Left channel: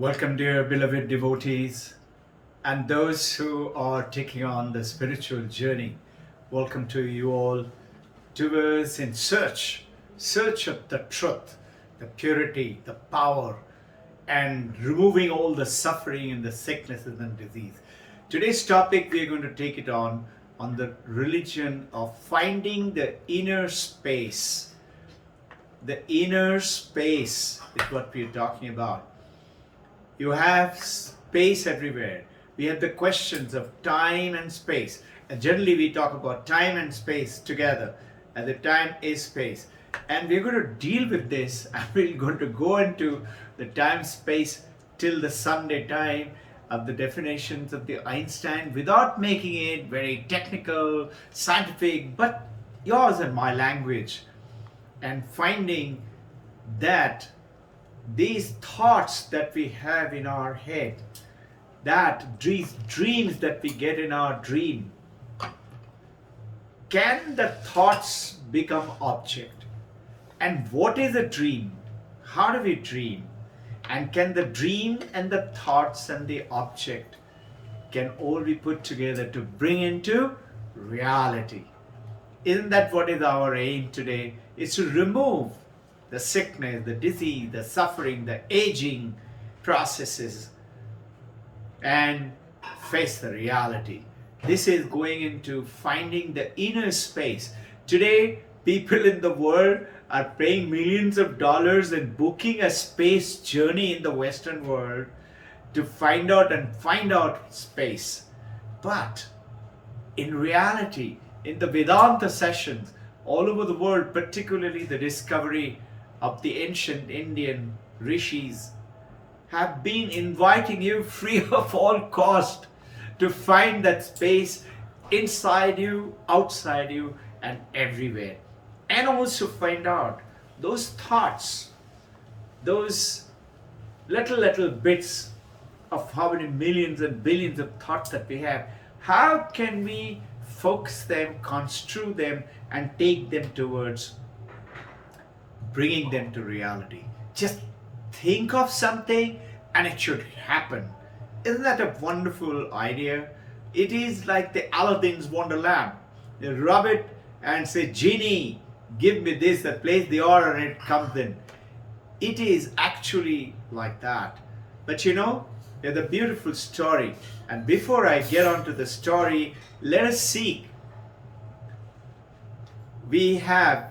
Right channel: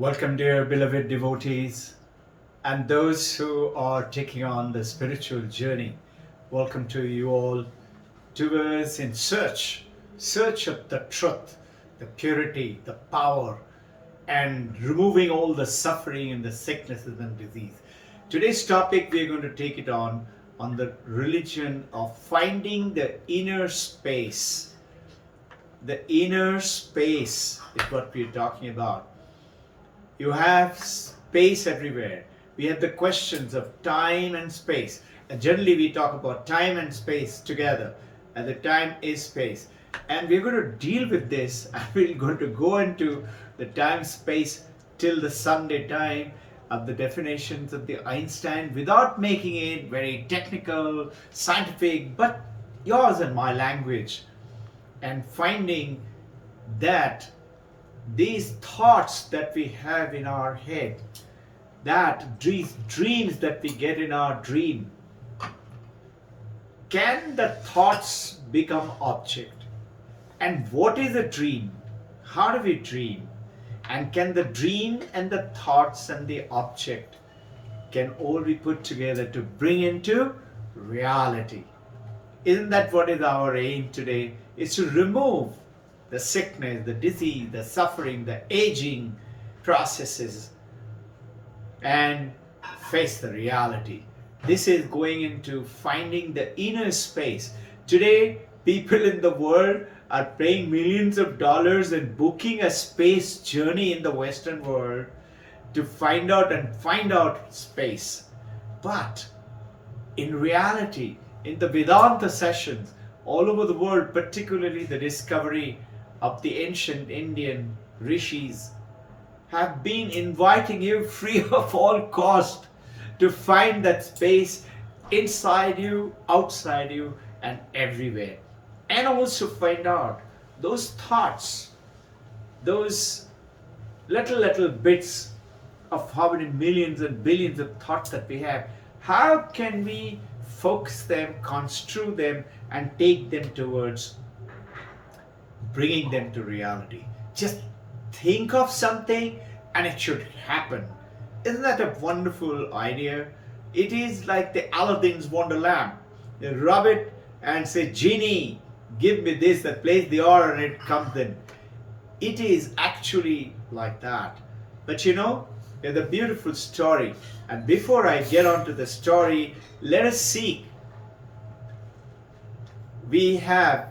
Welcome, dear beloved devotees, and those who are taking on the spiritual journey. Welcome to you all towards in search of the truth, the purity, the power, and removing all the suffering and the sicknesses and disease. Today's topic, we're going to take it on the religion of finding the inner space. The inner space is what we're talking about. You have space everywhere. We have the questions of time and space. And generally we talk about time and space together. And the time is space. And we're going to deal with this. And we're going to go into the time space till the Sunday time of the definitions of the Einstein without making it very technical, scientific, but yours and my language. And finding that these thoughts that we have in our head, that these dreams that we get in our dream, can the thoughts become object? And what is a dream? How do we dream? And can the dream and the thoughts and the object can all be put together to bring into reality? Isn't that what is our aim today? Is to remove the sickness, the disease, the suffering, the aging processes, and face the reality. This is going into finding the inner space. Today, people in the world are paying millions of dollars and booking a space journey in the Western world to find out space. But in reality, in the Vedanta sessions all over the world, particularly the discovery of the ancient Indian rishis, have been inviting you free of all cost to find that space inside you, outside you, and everywhere. And also find out those thoughts, those little bits of how many millions and billions of thoughts that we have. How can we focus them, construe them, and take them towards bringing them to reality? Just think of something and it should happen. Isn't that a wonderful idea? It is like the Aladdin's wonder lamp. You rub it and say, "Genie, give me this," that plays the order and it comes in. It is actually like that. But there's a beautiful story. And before I get on to the story, let us see. We have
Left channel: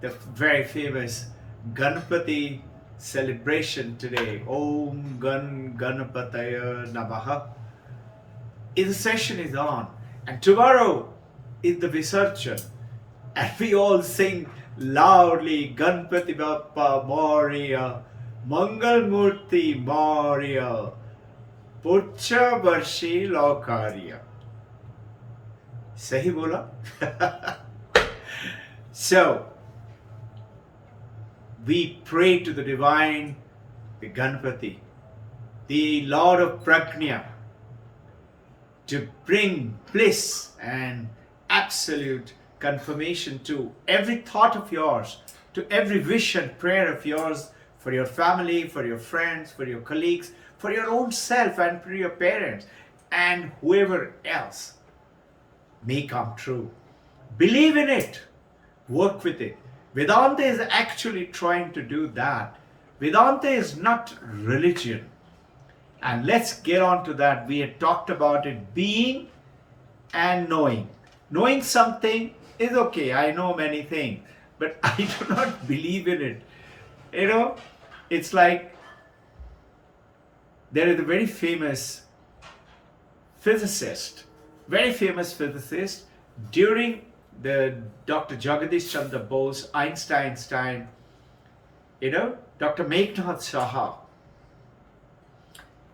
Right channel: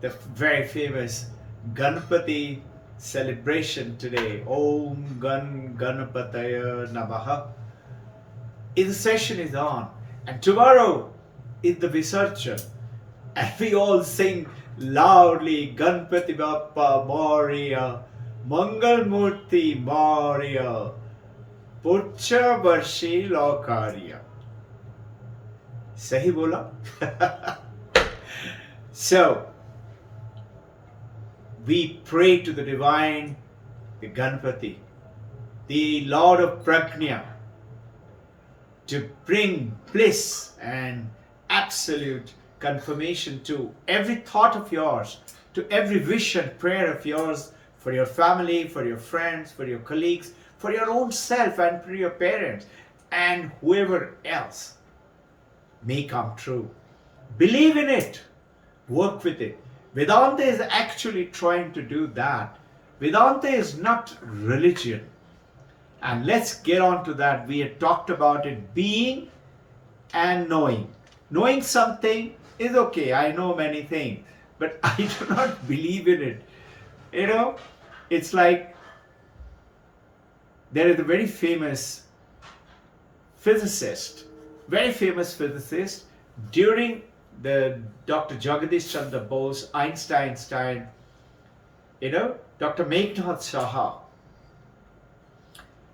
the very famous Ganpati celebration today. Om Ganapataya Namaha. The session is on. And tomorrow is the Visarjan. And we all sing loudly, Ganpati Bappa Moria, Mangal Murti Moria, Pucha Varshi Lokarya. Sahi bola? So, we pray to the divine, the Ganpati, the Lord of Prajna, to bring bliss and absolute confirmation to every thought of yours, to every wish and prayer of yours, for your family, for your friends, for your colleagues, for your own self, and for your parents, and whoever else may come true. Believe in it. Work with it. Vedanta is actually trying to do that. Vedanta is not religion. And let's get on to that. We had talked about it being and knowing. Knowing something is okay. I know many things, but I do not believe in it. It's like there is a very famous physicist during the Dr. Jagadish Chandra Bose, Einstein's time, Dr. Meghnad Saha.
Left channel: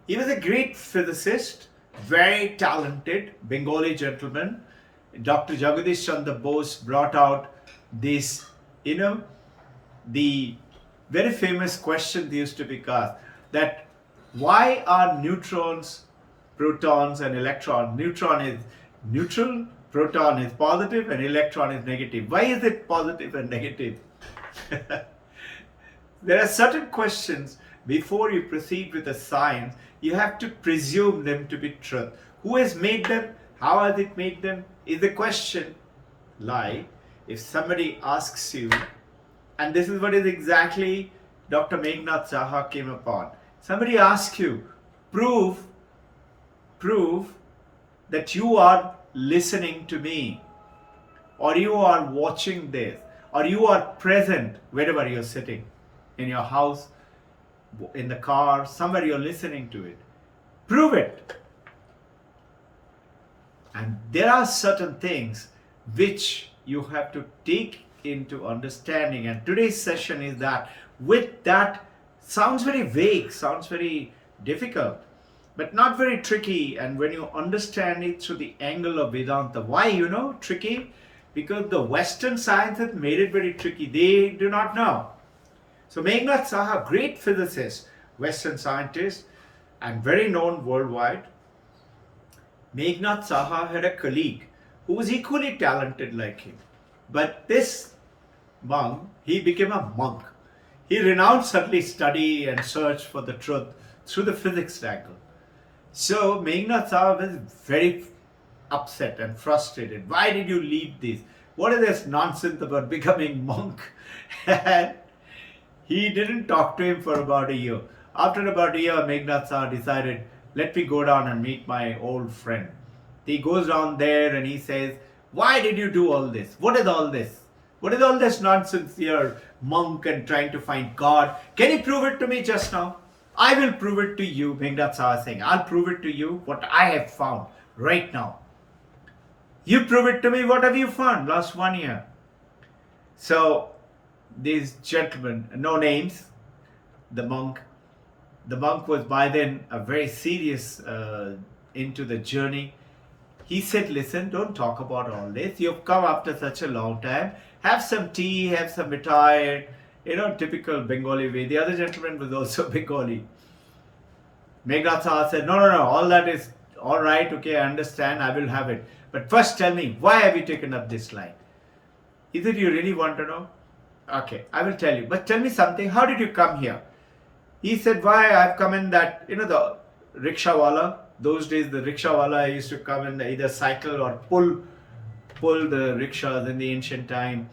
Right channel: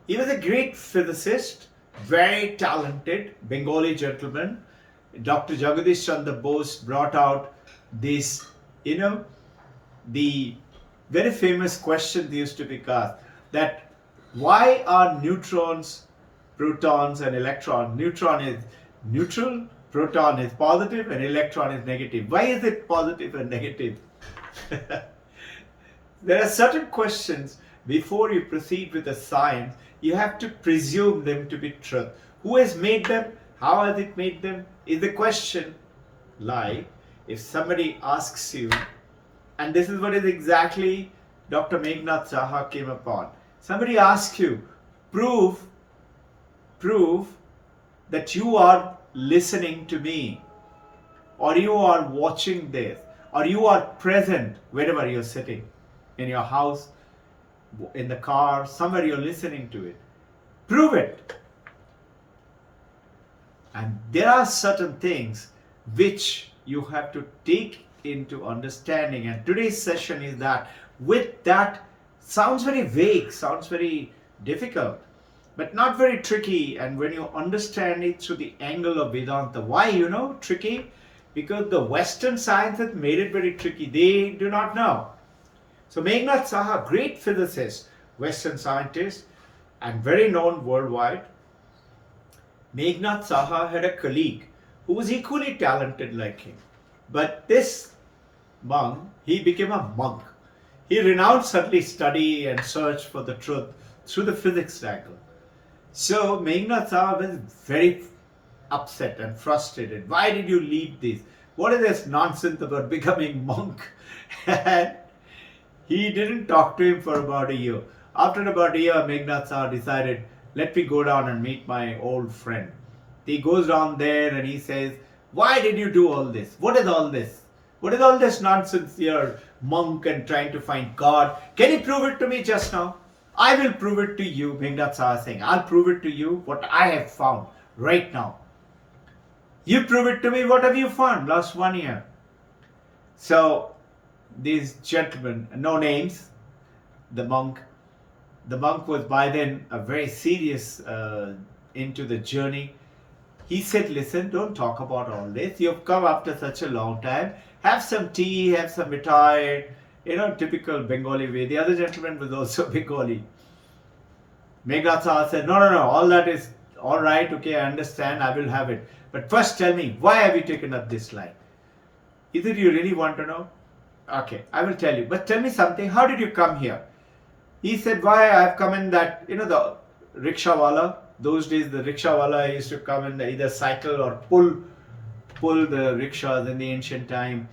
He was a great physicist, very talented Bengali gentleman. Dr. Jagadish Chandra Bose brought out this, the very famous question used to be asked, that why are neutrons, protons, and electrons? Neutron is neutral, proton is positive, and electron is negative. Why is it positive and negative? There are certain questions before you proceed with the science, you have to presume them to be truth. Who has made them? How has it made them? Is the question. Like, if somebody asks you, and this is what is exactly Dr. Meghnad Saha came upon. Somebody asks you, prove that you are listening to me, or you are watching this, or you are present wherever you're sitting, in your house, in the car, somewhere you're listening to it. Prove it. And there are certain things which you have to take into understanding. And today's session is that, with that, sounds very vague, sounds very difficult, but not very tricky. And when you understand it through the angle of Vedanta, why, tricky? Because the Western science has made it very tricky. They do not know. So Meghnad Saha, great physicist, Western scientist, and very known worldwide. Meghnad Saha had a colleague who was equally talented like him. But this monk, he became a monk. He renounced earthly study and search for the truth through the physics angle. So Meghnad Saha was very upset and frustrated. Why did you leave this? What is this nonsense about becoming monk? And he didn't talk to him for about a year. After about a year, Meghnad Saha decided, let me go down and meet my old friend. He goes down there and he says, why did you do all this? What is all this? What is all this nonsense here, monk, and trying to find God? Can you prove it to me just now? I will prove it to you, Meghnad Saha is saying. I'll prove it to you what I have found right now. You prove it to me. What have you found last 1 year? So these gentlemen, no names, the monk was by then a very serious into the journey. He said, listen, don't talk about all this. You've come after such a long time. Have some tea, have some mithai, typical Bengali way. The other gentleman was also Bengali. Meghnad Saha said, no, all that is all right, okay, I understand, I will have it. But first tell me, why have you taken up this line? Is it you really want to know? Okay, I will tell you. But tell me something, how did you come here? He said, why I have come in that, the rickshawala. Those days the rickshawala used to come in either cycle or pull the rickshaws in the ancient time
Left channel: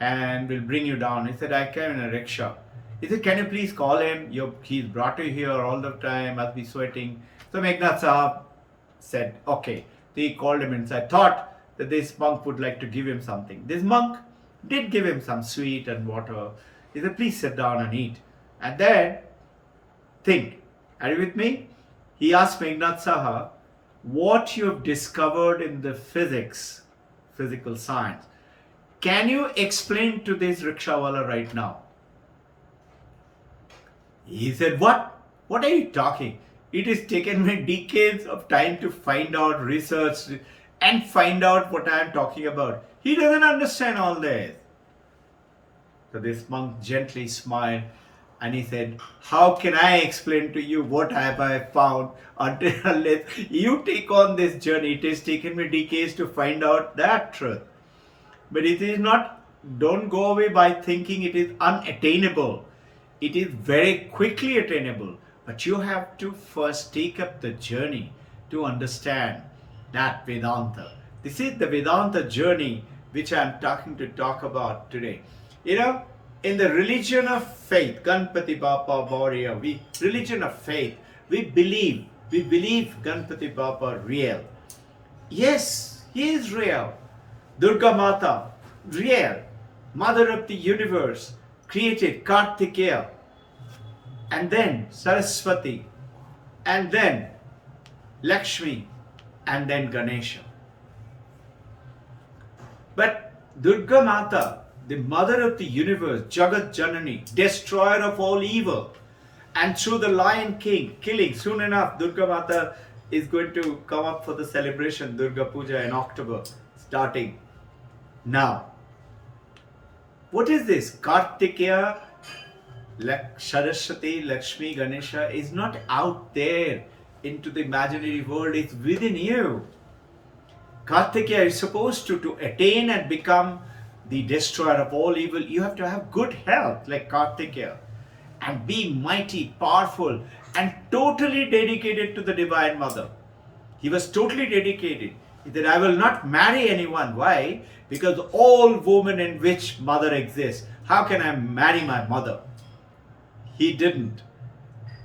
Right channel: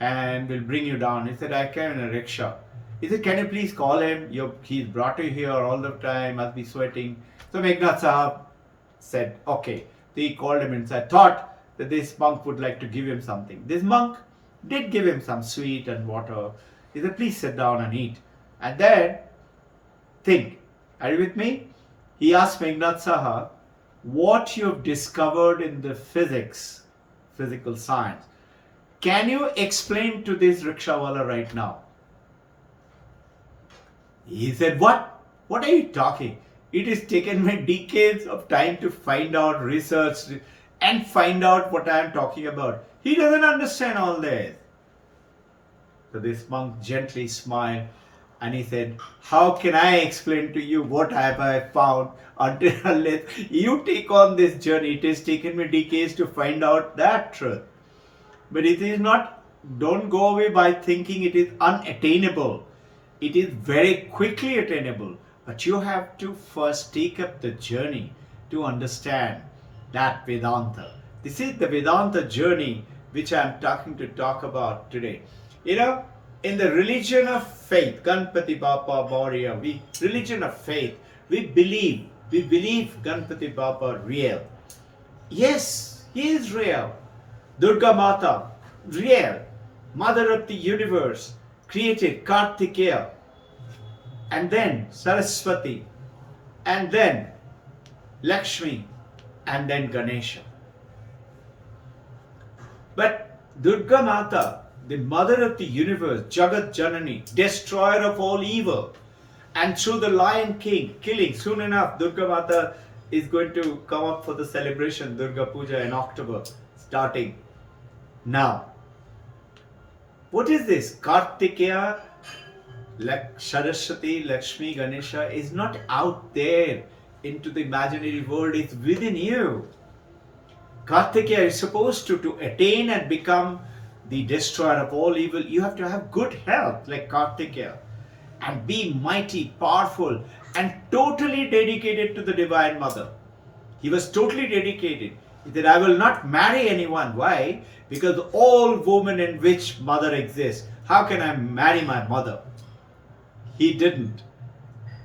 and will bring you down. He said, I came in a rickshaw. He said, can you please call him? He's brought you here all the time, must be sweating. So Meghnad Saha said, okay. He called him inside, thought that this monk would like to give him something. This monk did give him some sweet and water. He said, please sit down and eat. And then think. Are you with me? He asked Meghnad Saha, what you have discovered in the physical science, can you explain to this rickshawala right now? He said, what? What are you talking? It has taken me decades of time to find out, research, and find out what I am talking about. He doesn't understand all this. So this monk gently smiled and he said, how can I explain to you what have I found until unless you take on this journey? It has taken me decades to find out that truth. But it is not, don't go away by thinking it is unattainable. It is very quickly attainable. But you have to first take up the journey to understand that Vedanta. This is the Vedanta journey which I am talk about today. In the religion of faith, Ganpati Bappa Bauriya, religion of faith, we believe Ganpati Bappa real. Yes, he is real. Durga Mata, real. Mother of the universe, created Kartikeya, and then Saraswati, and then Lakshmi, and then Ganesha. But Durga Mata, the mother of the universe, Jagat Janani, destroyer of all evil, and through the Lion King, killing, soon enough, Durga Mata is going to come up for the celebration, Durga Puja in October, starting now. What is this? Kartikeya, Saraswati, Lakshmi, Ganesha is not out there into the imaginary world, it's within you. Kartikeya is supposed to attain and become the destroyer of all evil. You have to have good health like Kartikeya. and be mighty, powerful, and totally dedicated to the Divine Mother. He was totally dedicated. He said, I will not marry anyone. Why? Because all women in which mother exists. How can I marry my mother? He didn't.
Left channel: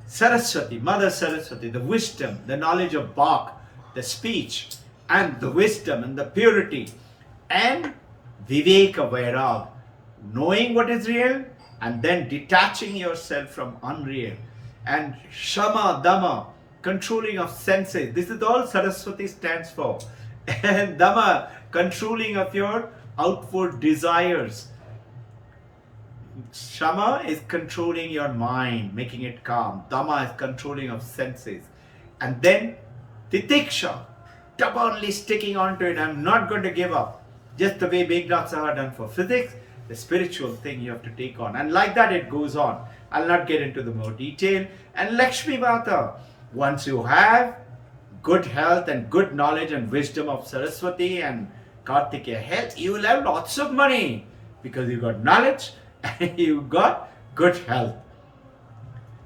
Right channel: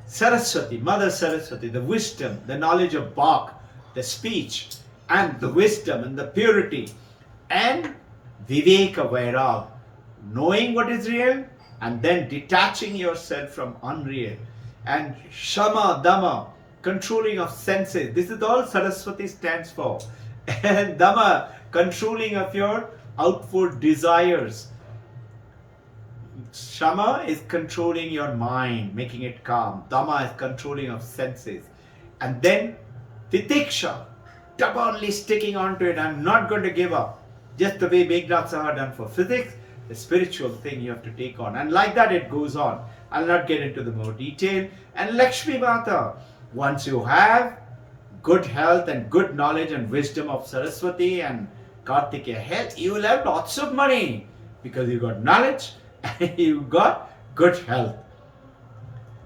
Saraswati, Mother Saraswati, the wisdom, the knowledge of Bach, the speech, and the wisdom and the purity, and Viveka Vairag, knowing what is real and then detaching yourself from unreal, and Shama Dama, controlling of senses. This is all Saraswati stands for. And Dama, controlling of your outward desires. Shama is controlling your mind, making it calm. Dama is controlling of senses. And then Titiksha, stubbornly sticking onto it. I'm not going to give up. Just the way Meghnad Saha done for physics, the spiritual thing you have to take on. And like that it goes on. I'll not get into the more detail. And Lakshmi Mata, once you have good health and good knowledge and wisdom of Saraswati and Kartikeya health, you will have lots of money because you got knowledge and you got good health.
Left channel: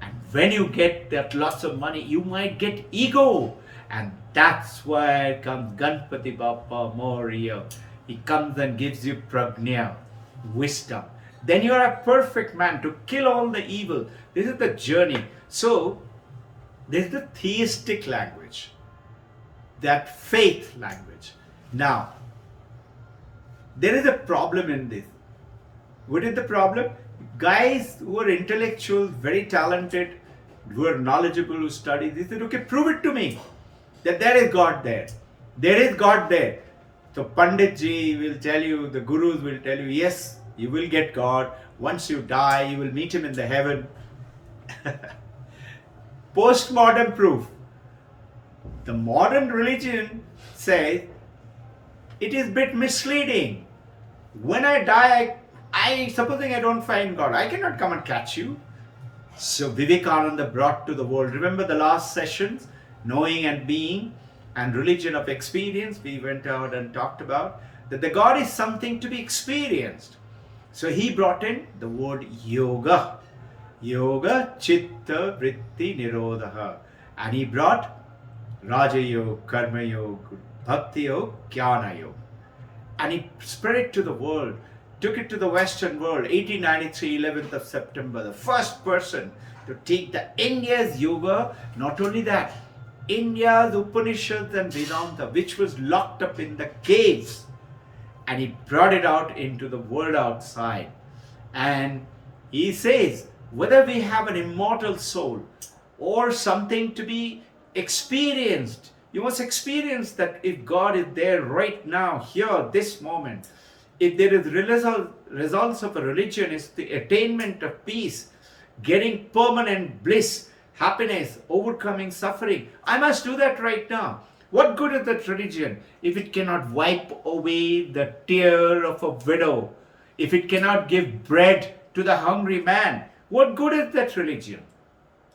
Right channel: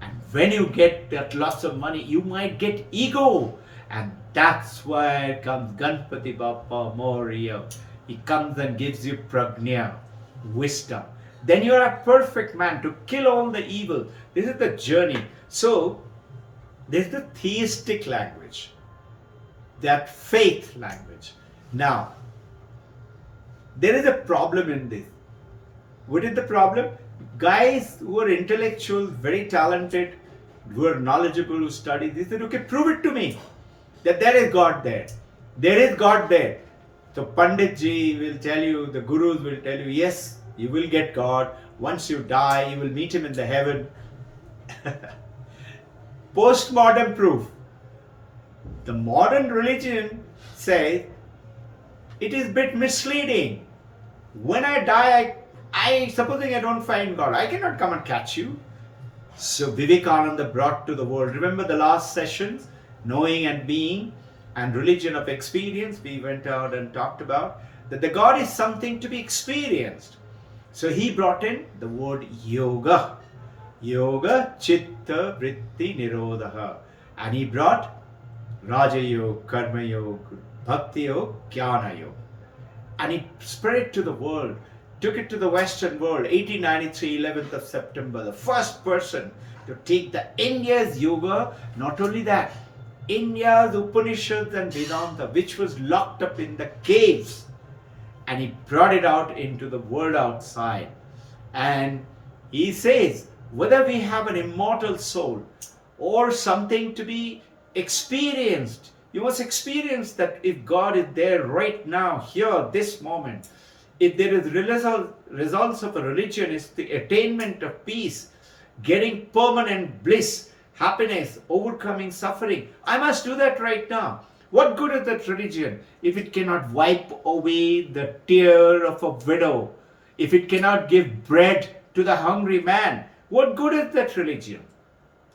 And when you get that lots of money, you might get ego. And that's why comes Ganpati Bappa Moria. He comes and gives you prajna, wisdom. Then you're a perfect man to kill all the evil. This is the journey. So, this is the theistic language, that faith language. Now, there is a problem in this. What is the problem? Guys who are intellectuals, very talented, who are knowledgeable, who study, they said, okay, prove it to me that there is God there. There is God there. So Panditji will tell you, the gurus will tell you, yes, you will get God. Once you die, you will meet him in the heaven. Postmodern proof. The modern religion says it is a bit misleading. When I die, supposing I don't find God, I cannot come and catch you. So Vivekananda brought to the world, remember the last sessions, knowing and being and religion of experience, we went out and talked about that the God is something to be experienced. So he brought in the word yoga. Yoga chitta vritti nirodha. And he brought Raja Yoga, Karma Yoga, Bhakti Yoga, Jnana Yoga. And he spread it to the world, took it to the Western world, 1893, 11th of September, the first person to take the India's yoga. Not only that, India's Upanishads and Vedanta, which was locked up in the caves, and he brought it out into the world outside. And he says, whether we have an immortal soul or something to be experienced, you must experience that if God is there right now, here, this moment. If there is results of a religion is the attainment of peace, getting permanent bliss, happiness, overcoming suffering. I must do that right now. What good is that religion if it cannot wipe away the tear of a widow? If it cannot give bread to the hungry man? What good is that religion?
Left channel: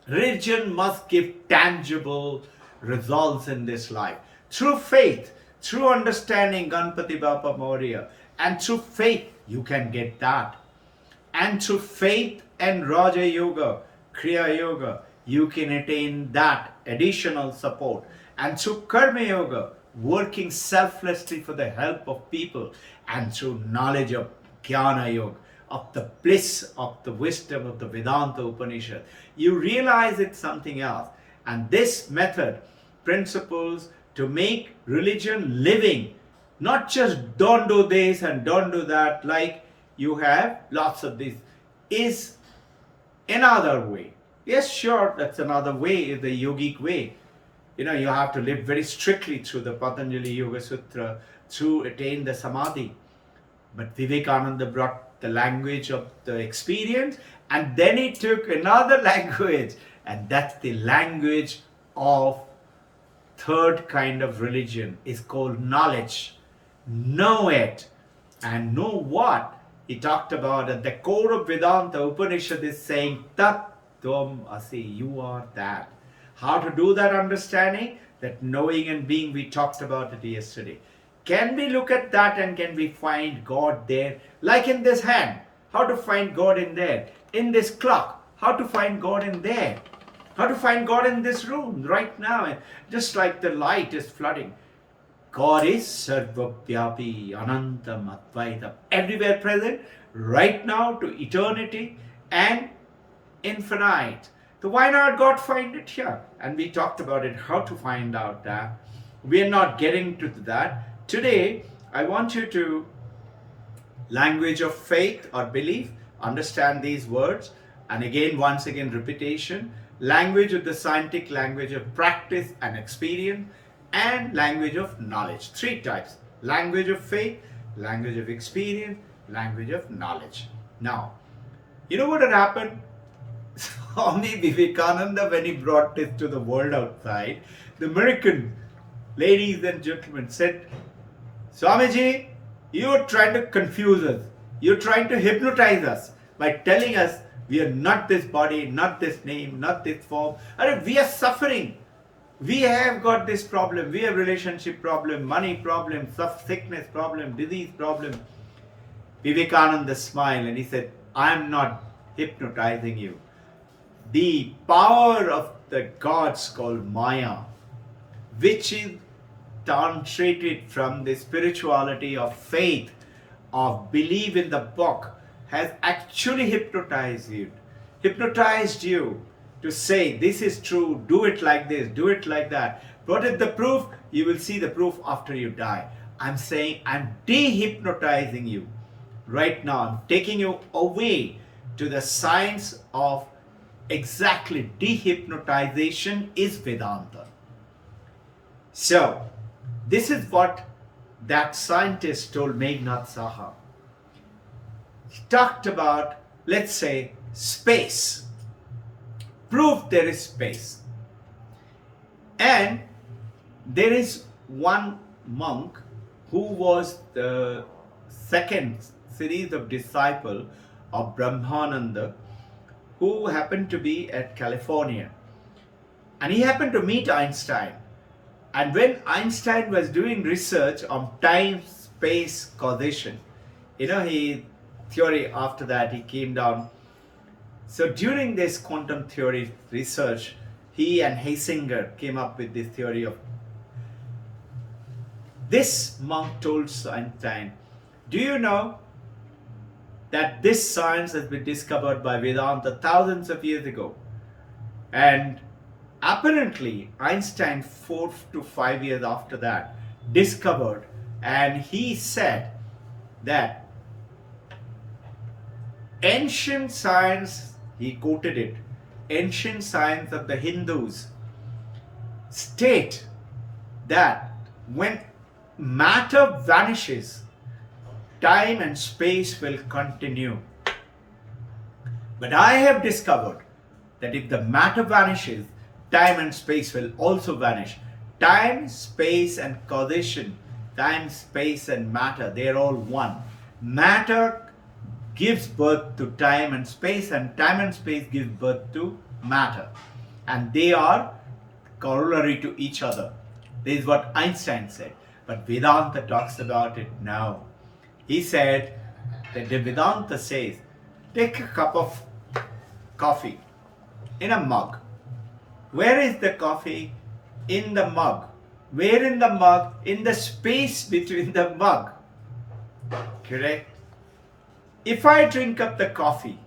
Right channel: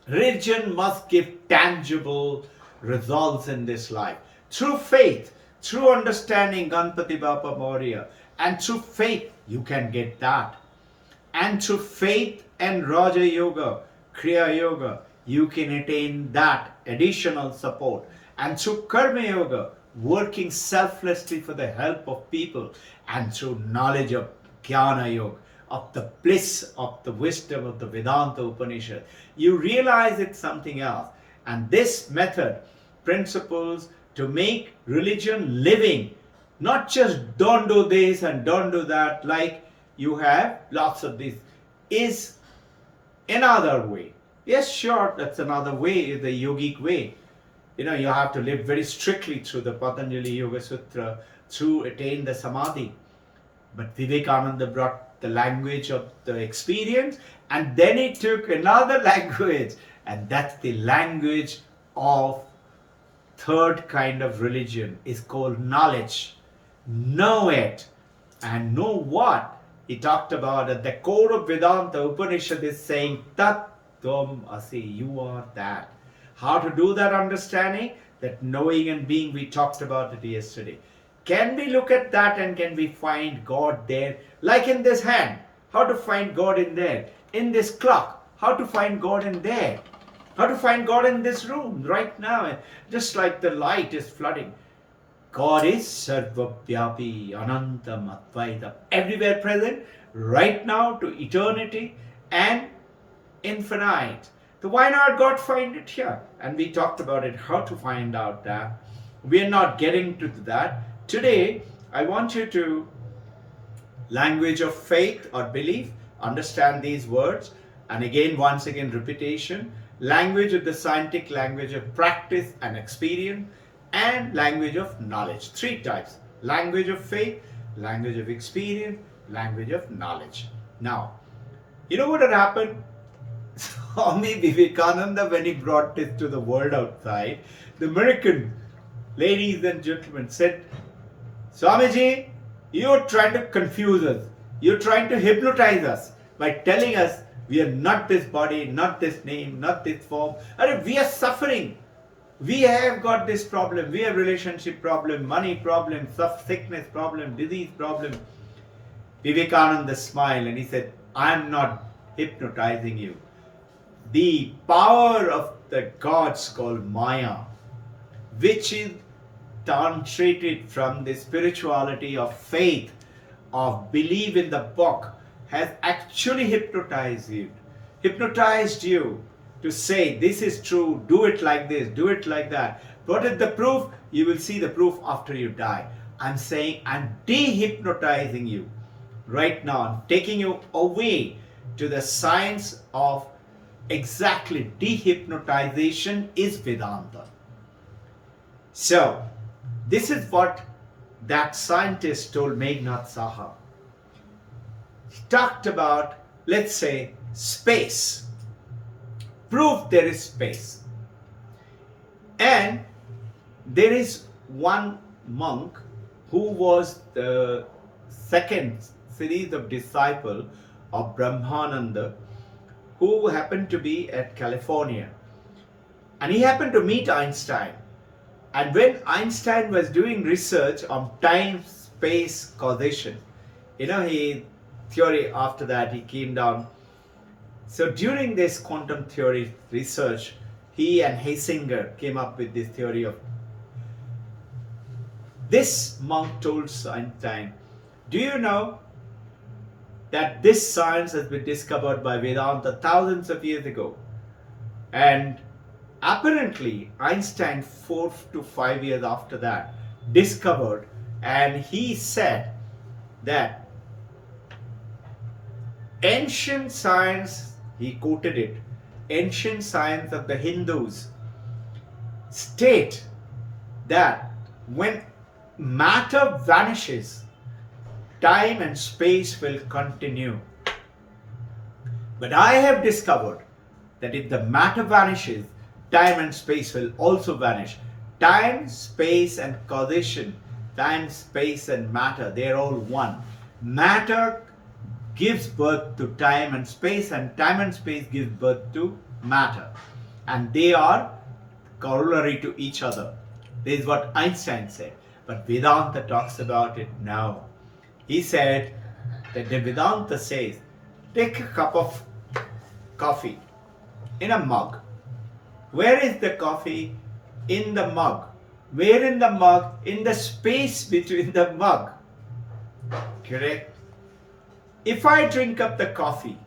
Religion must give tangible results in this life. Through faith, through understanding Ganpati Bappa Moria, and through faith you can get that. And through faith and Raja Yoga, Kriya Yoga, you can attain that additional support. And through Karma Yoga, working selflessly for the help of people, and through knowledge of Jnana Yoga, of the bliss of the wisdom of the Vedanta Upanishad, you realize it's something else. And this method, principles to make religion living, not just don't do this and don't do that, like you have lots of this, is another way. Yes, sure, that's another way, the yogic way. You know, you have to live very strictly through the Patanjali Yoga Sutra to attain the Samadhi. But Vivekananda brought the language of the experience, and then he took another language, and that's the language of third kind of religion, is called knowledge. Know it. And know what? He talked about at the core of Vedanta Upanishad is saying Tat Tvam Asi, you are that. How to do that understanding? That knowing and being, we talked about it yesterday. Can we look at that and can we find God there? Like in this hand, how to find God in there? In this clock, how to find God in there, how to find God in this room right now, just like the light is flooding. God is Sarvavyapi, Anantam, Advaitam, everywhere present, right now to eternity and infinite. So why not God find it here? And we talked about it, how to find out that. We are not getting to that. Today, I want you to language of faith or belief, understand these words, and again, once again, repetition. Language of the scientific language of practice and experience, and language of knowledge. Three types: language of faith, language of experience, language of knowledge. Now, you know what had happened? Swami Vivekananda, when he brought this to the world outside, the American ladies and gentlemen said, Swamiji, you're trying to confuse us. You're trying to hypnotize us by telling us we are not this body, not this name, not this form. We are suffering. We have got this problem. We have relationship problem, money problem, sickness problem, disease problem. Vivekananda smiled and he said, I am not hypnotizing you. The power of the gods called Maya, which is translated from the spirituality of faith, of belief in the book, has actually hypnotized you to say this is true, do it like this, do it like that. What is the proof? You will see the proof after you die. I'm saying I'm de-hypnotizing you right now. I'm taking you away to the science of exactly de-hypnotization is Vedanta. So, this is what that scientist told Meghnad Saha. He talked about, let's say, space. Proof there is space. And there is one monk who was the second series of disciple of Brahmananda, who happened to be at California. And he happened to meet Einstein. And when Einstein was doing research on time-space causation, he theory after that he came down. So during this quantum theory research, he and Heisinger came up with this theory of. This monk told Einstein, do you know that this science has been discovered by Vedanta thousands of years ago? And apparently, Einstein, 4 to 5 years after that, discovered, and he said that ancient science, he quoted it, ancient science of the Hindus state that when matter vanishes, time and space will continue. But I have discovered that if the matter vanishes, time and space will also vanish. Time, space, and causation, time, space, and matter, they're all one. Matter gives birth to time and space and space gives birth to matter. And they are corollary to each other. This is what Einstein said. But Vedanta talks about it now. He said that the Vedanta says, take a cup of coffee in a mug. Where is the coffee? In the mug. Where in the mug? In the space between the mug. Correct? If I drink up the coffee,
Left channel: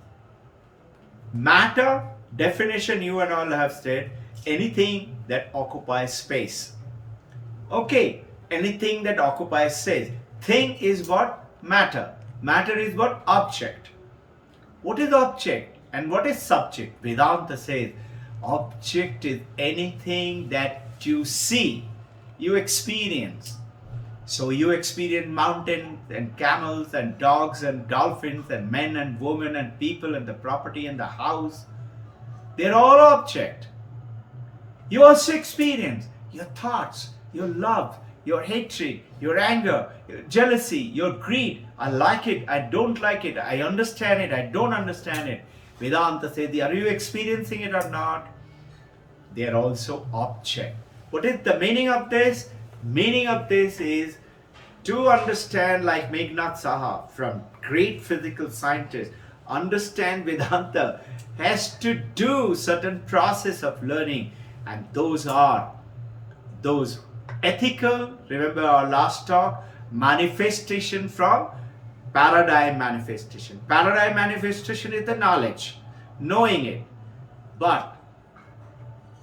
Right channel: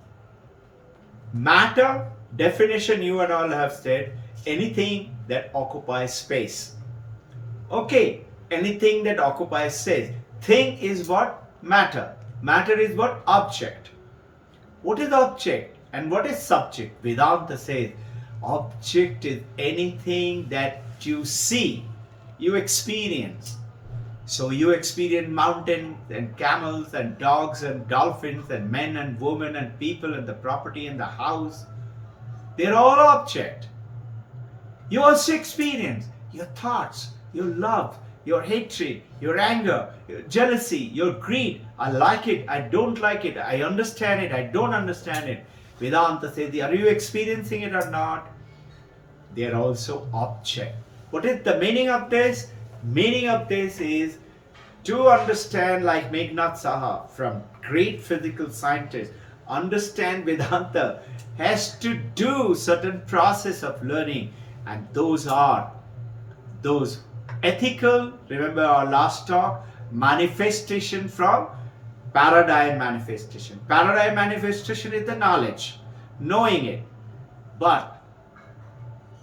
matter, definition you and all have said, anything that occupies space. Okay, anything that occupies space. Thing is what? Matter. Matter is what? Object. What is object and what is subject? Vedanta says, object is anything that you see, you experience. So you experience mountains and camels and dogs and dolphins and men and women and people and the property and the house. They're all object. You also experience your thoughts, your love, your hatred, your anger, your jealousy, your greed. I like it, I don't like it, I understand it, I don't understand it. Vedanta says, are you experiencing it or not? They are also object. What is the meaning of this? Meaning of this is to understand, like Meghnad Saha, from great physical scientists, understand Vedanta has to do certain process of learning, and those are those ethical, remember our last talk, manifestation from paradigm manifestation. Paradigm manifestation is the knowledge, knowing it. But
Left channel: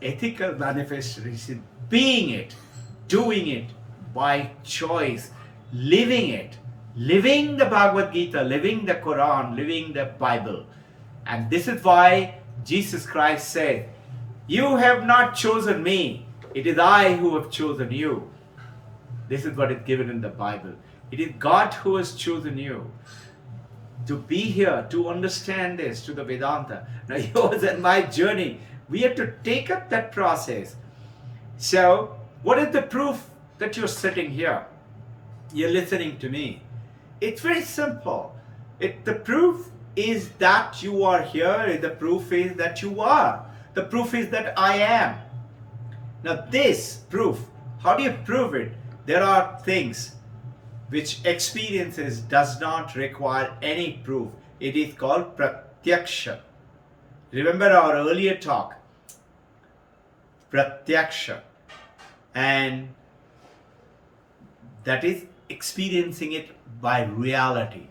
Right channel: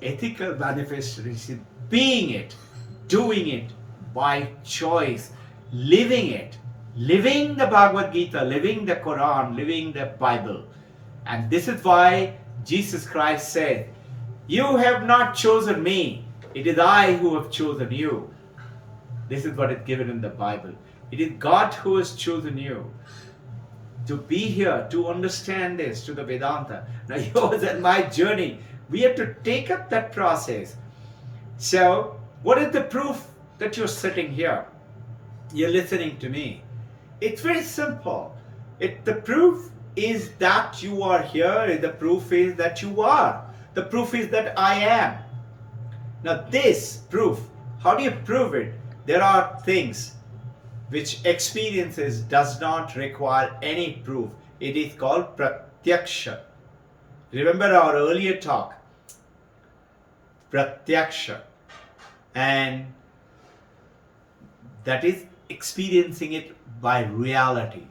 ethical manifestation, being it, doing it by choice, living it, living the Bhagavad Gita, living the Quran, living the Bible. And this is why Jesus Christ said, "You have not chosen me, it is I who have chosen you." This is what is given in the Bible. It is God who has chosen you to be here, to understand this, to the Vedanta. Now, yours and my journey, we have to take up that process. So, what is the proof that you're sitting here? You're listening to me. It's very simple. The proof is that you are here. The proof is that you are. The proof is that I am. Now, this proof, how do you prove it? There are things which experiences does not require any proof. It is called pratyaksha. Remember our earlier talk, pratyaksha, and that is experiencing it by reality.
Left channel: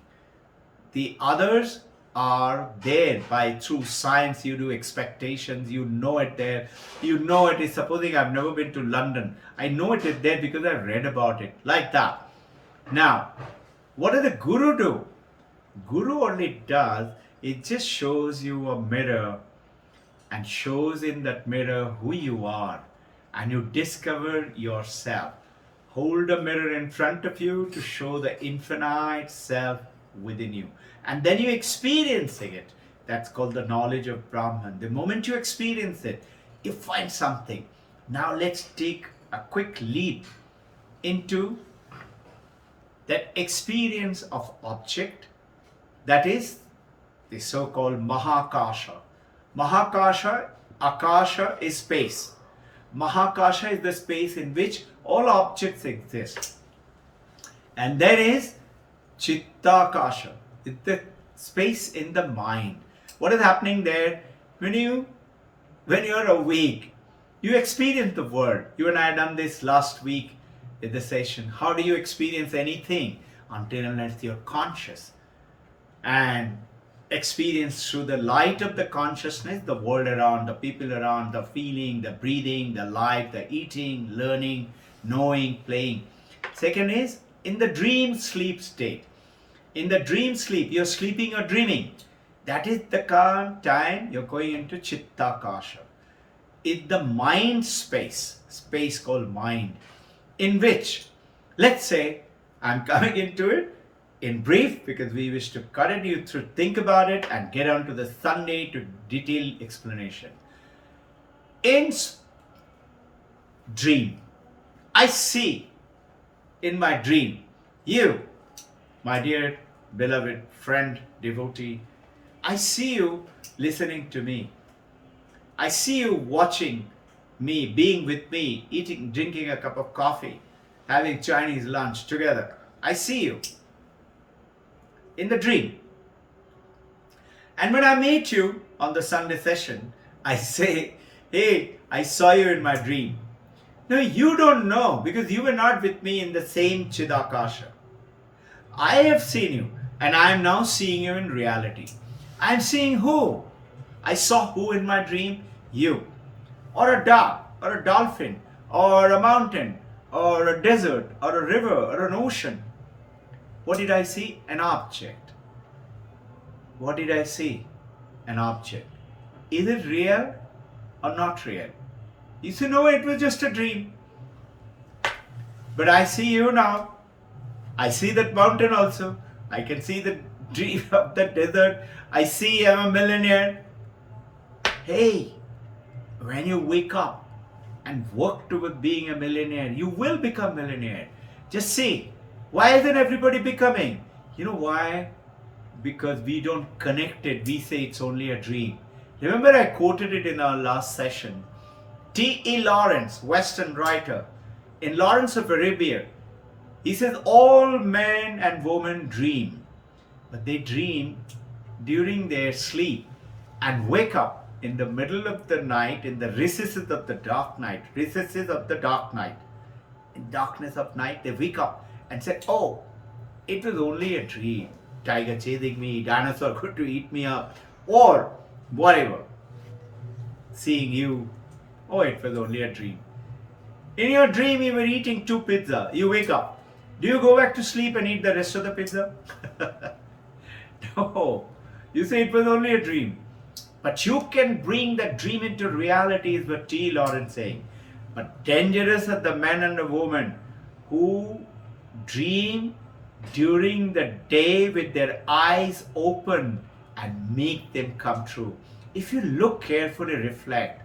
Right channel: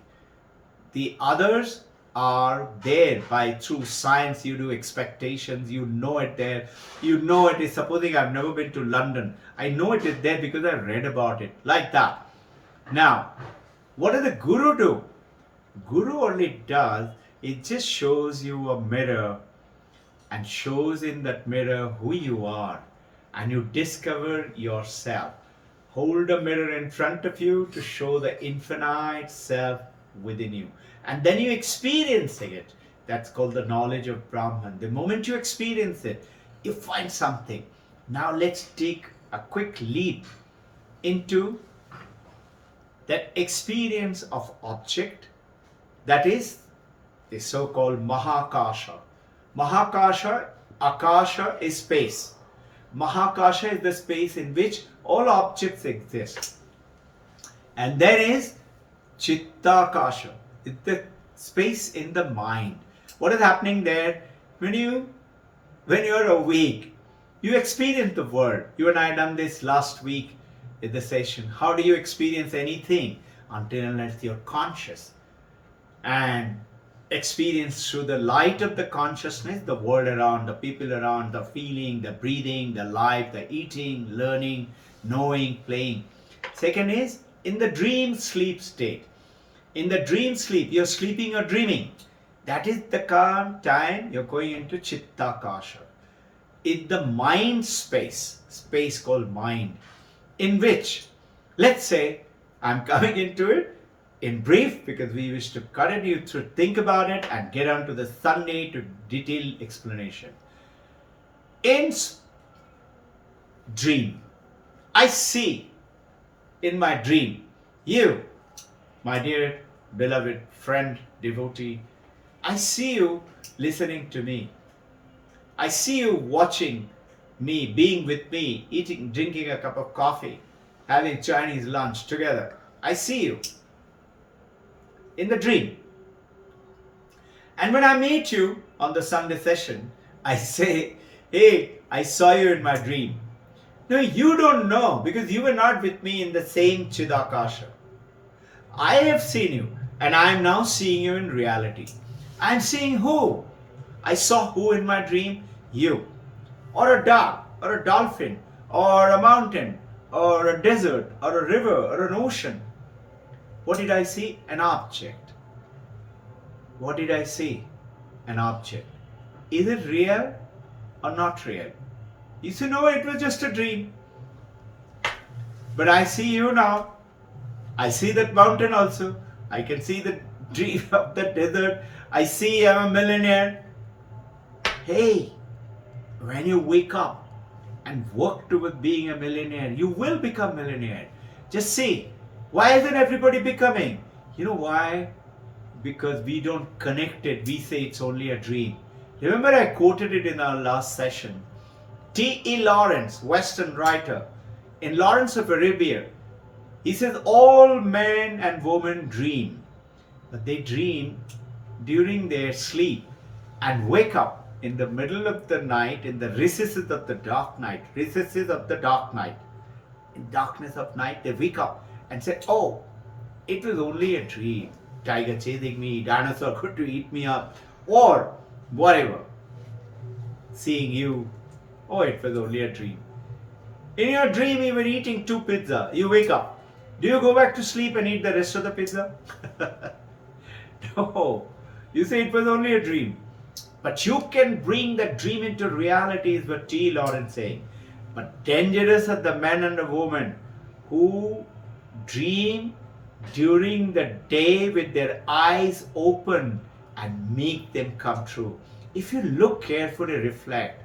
The others are there by through science. You do expectations, you know it there, you know it is. Supposing I've never been to London, I know it is there because I've read about it, like that. Now, what does the Guru do? Guru only does, it just shows you a mirror and shows in that mirror who you are, and you discover yourself. Hold a mirror in front of you to show the infinite self within you, and then you experiencing it. That's called the knowledge of Brahman. The moment you experience it, you find something. Now let's take a quick leap into that experience of object, that is the so-called Mahakasha. Mahakasha, Akasha is space. Mahakasha is the space in which all objects exist. And there is Chittakasha, it's the space in the mind. What is happening there? When you're awake, you experience the world. You and I had done this last week in the session. How do you experience anything? Until unless you're conscious and experience through the light of the consciousness, the world around, the people around, the feeling, the breathing, the life, the eating, learning, knowing, playing. Second is in the dream sleep state. In the dream sleep, you're sleeping or dreaming. That is the time you're going into Chittakasha. In the mind space called mind, in which, let's say, I'm coming into it in brief because we wish to cut it, you to think about it and get on to the Sunday to detailed explanation. In dream, I see in my dream you, my dear beloved friend, devotee. I see you listening to me. I see you watching me, being with me, eating, drinking a cup of coffee, having Chinese lunch together. I see you in the dream. And when I meet you on the Sunday session, I say, "Hey, I saw you in my dream." No, you don't know because you were not with me in the same Chidakasha. I have seen you and I am now seeing you in reality. I am seeing who? I saw who in my dream? You. Or a dog, or a dolphin, or a mountain, or a desert, or a river, or an ocean. What did I see? An object. What did I see? An object. Is it real or not real? You say, no, it was just a dream. But I see you now. I see that mountain also. I can see the dream of the desert. I see I'm a millionaire. Hey, when you wake up and work toward being a millionaire, you will become millionaire. Just see, why isn't everybody becoming? You know why? Because we don't connect it. We say it's only a dream. Remember I quoted it in our last session. T.E. Lawrence, Western writer, in Lawrence of Arabia, he says all men and women dream, but they dream during their sleep and wake up in the middle of the night, in the recesses of the dark night, in darkness of night, they wake up and say, oh, it was only a dream. Tiger chasing me, dinosaur going to eat me up, or whatever. Seeing you, oh, it was only a dream. In your dream, you were eating 2 pizza. You wake up. Do you go back to sleep and eat the rest of the pizza? No. You say it was only a dream. But you can bring that dream into reality, is what T. Lawrence saying. But dangerous are the men and the women who dream during the day with their eyes open and make them come true. If you look carefully, reflect,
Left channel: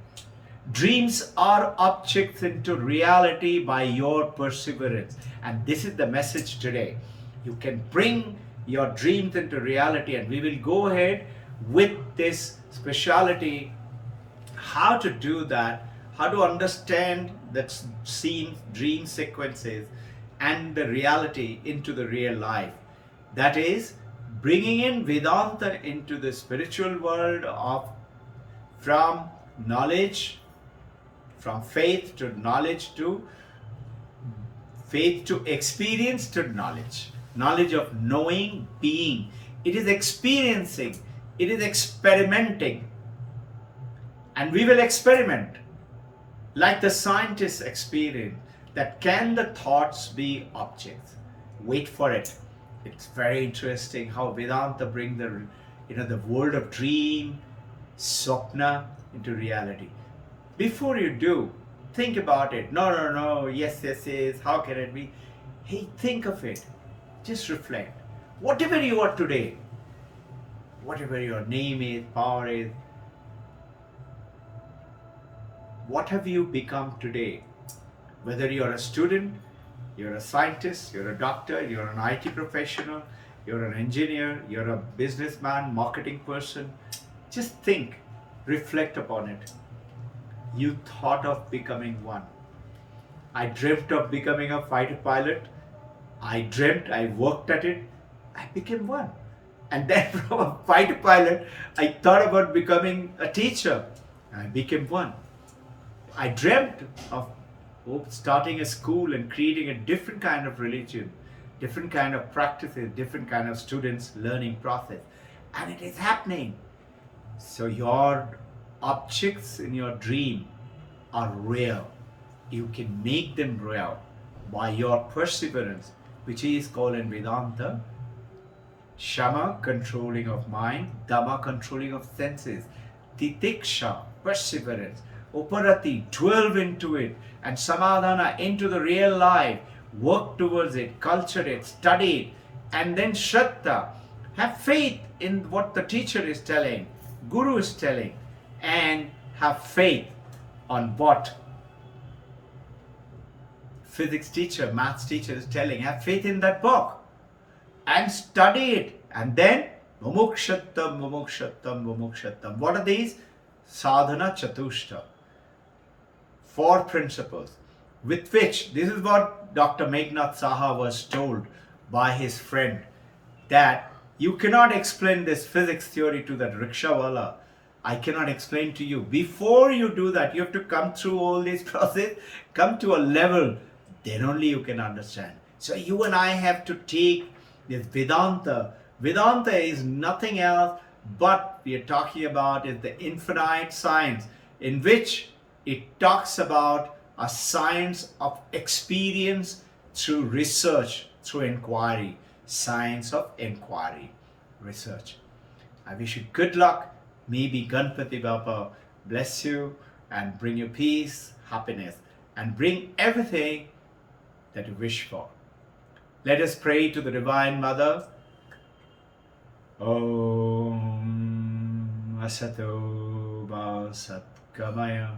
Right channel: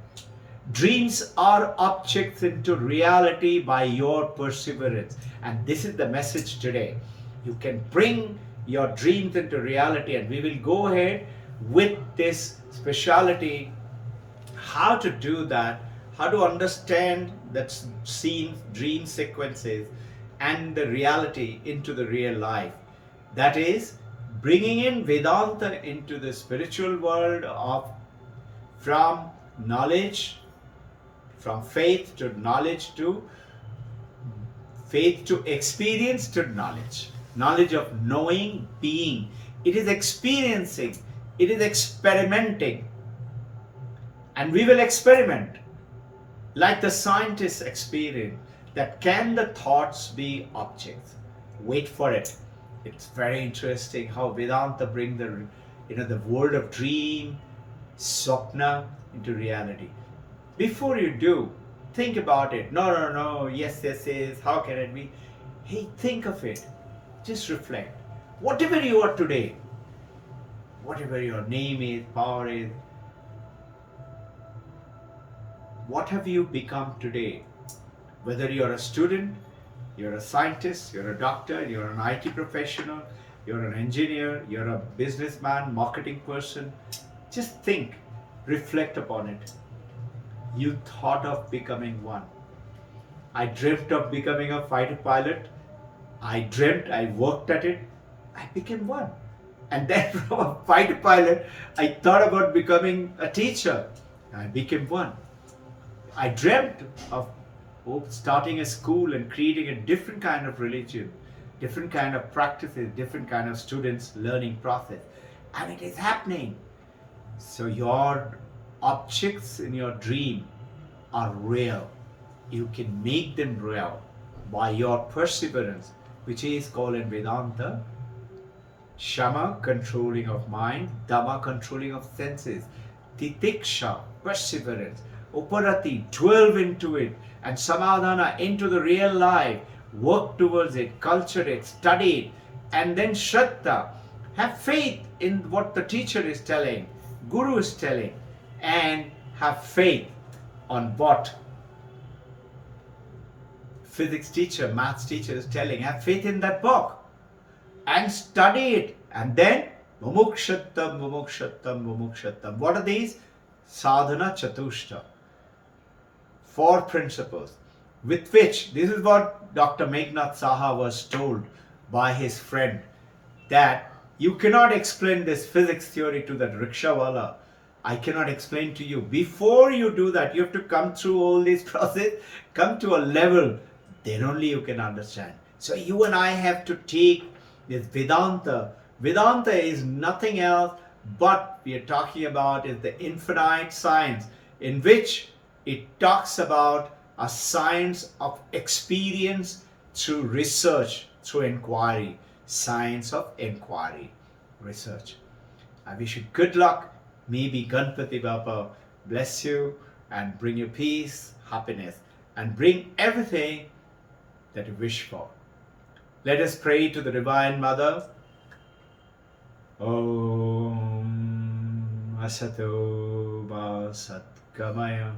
dreams are objects into reality by your perseverance. And this is the message today. You can bring your dreams into reality, and we will go ahead with this speciality, how to do that, how to understand that scene, dream sequences and the reality into the real life. That is bringing in Vedanta into the spiritual world of from knowledge, from faith to knowledge to faith to experience to knowledge. Knowledge of knowing, being. It is experiencing. It is experimenting. And we will experiment like the scientists experience, that can the thoughts be objects? Wait for it. It's very interesting how Vedanta bring the world of dream, swapna into reality. Before you do, think about it. No, yes, how can it be? Hey, think of it. Just reflect. Whatever you are today, whatever your name is, power is, what have you become today? Whether you're a student, you're a scientist, you're a doctor, you're an IT professional, you're an engineer, you're a businessman, marketing person, just think, reflect upon it. You thought of becoming one. I dreamt of becoming a fighter pilot. I worked at it, I became one. And then from a fighter pilot, I thought about becoming a teacher. I became one. I dreamt of starting a school and creating a different kind of religion, different kind of practices, different kind of students' learning process. And it is happening. So your objects in your dream are real. You can make them real by your perseverance, which is called in Vedanta Shama, controlling of mind, Dhamma, controlling of senses, Titiksha, perseverance, Uparati, dwell into it, and Samadhana, into the real life, work towards it, culture it, study it, and then Shraddha, have faith in what the teacher is telling, Guru is telling, and have faith on what physics teacher, maths teacher is telling. Have faith in that book and study it. And then mumukshattam, mumukshattam, mumukshattam. What are these? Sadhana chatushta. 4 principles with which, this is what Dr. Meghnad Saha was told by his friend, that you cannot explain this physics theory to that rickshawala. I cannot explain to you. Before you do that, you have to come through all these process, come to a level, then only you can understand. So you and I have to take this Vedanta. Vedanta is nothing else but we are talking about is the infinite science, in which it talks about a science of experience through research, through inquiry. Science of inquiry, research. I wish you good luck. Maybe Ganpati Baba bless you and bring you peace, happiness, and bring everything that you wish for. Let us pray to the Divine Mother. Om Asato Ma Satgamaya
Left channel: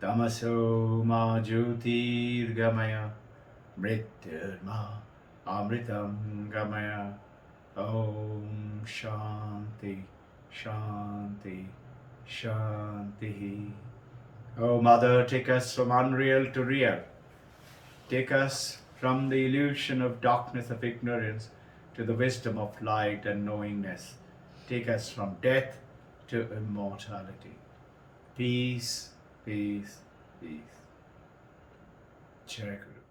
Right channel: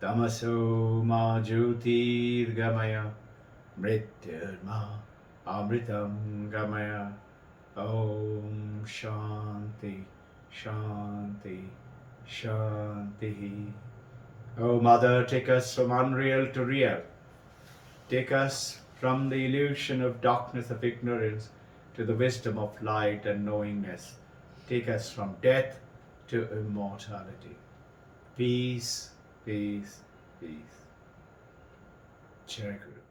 Tamaso Ma Jyotirgamaya Mrityurma Amritam Gamaya. Om Shanti Shanti Shanti. Oh Mother, take us from unreal to real. Take us from the illusion of darkness of ignorance to the wisdom of light and knowingness. take us from death to immortality. Peace, peace, peace. Jai Guru.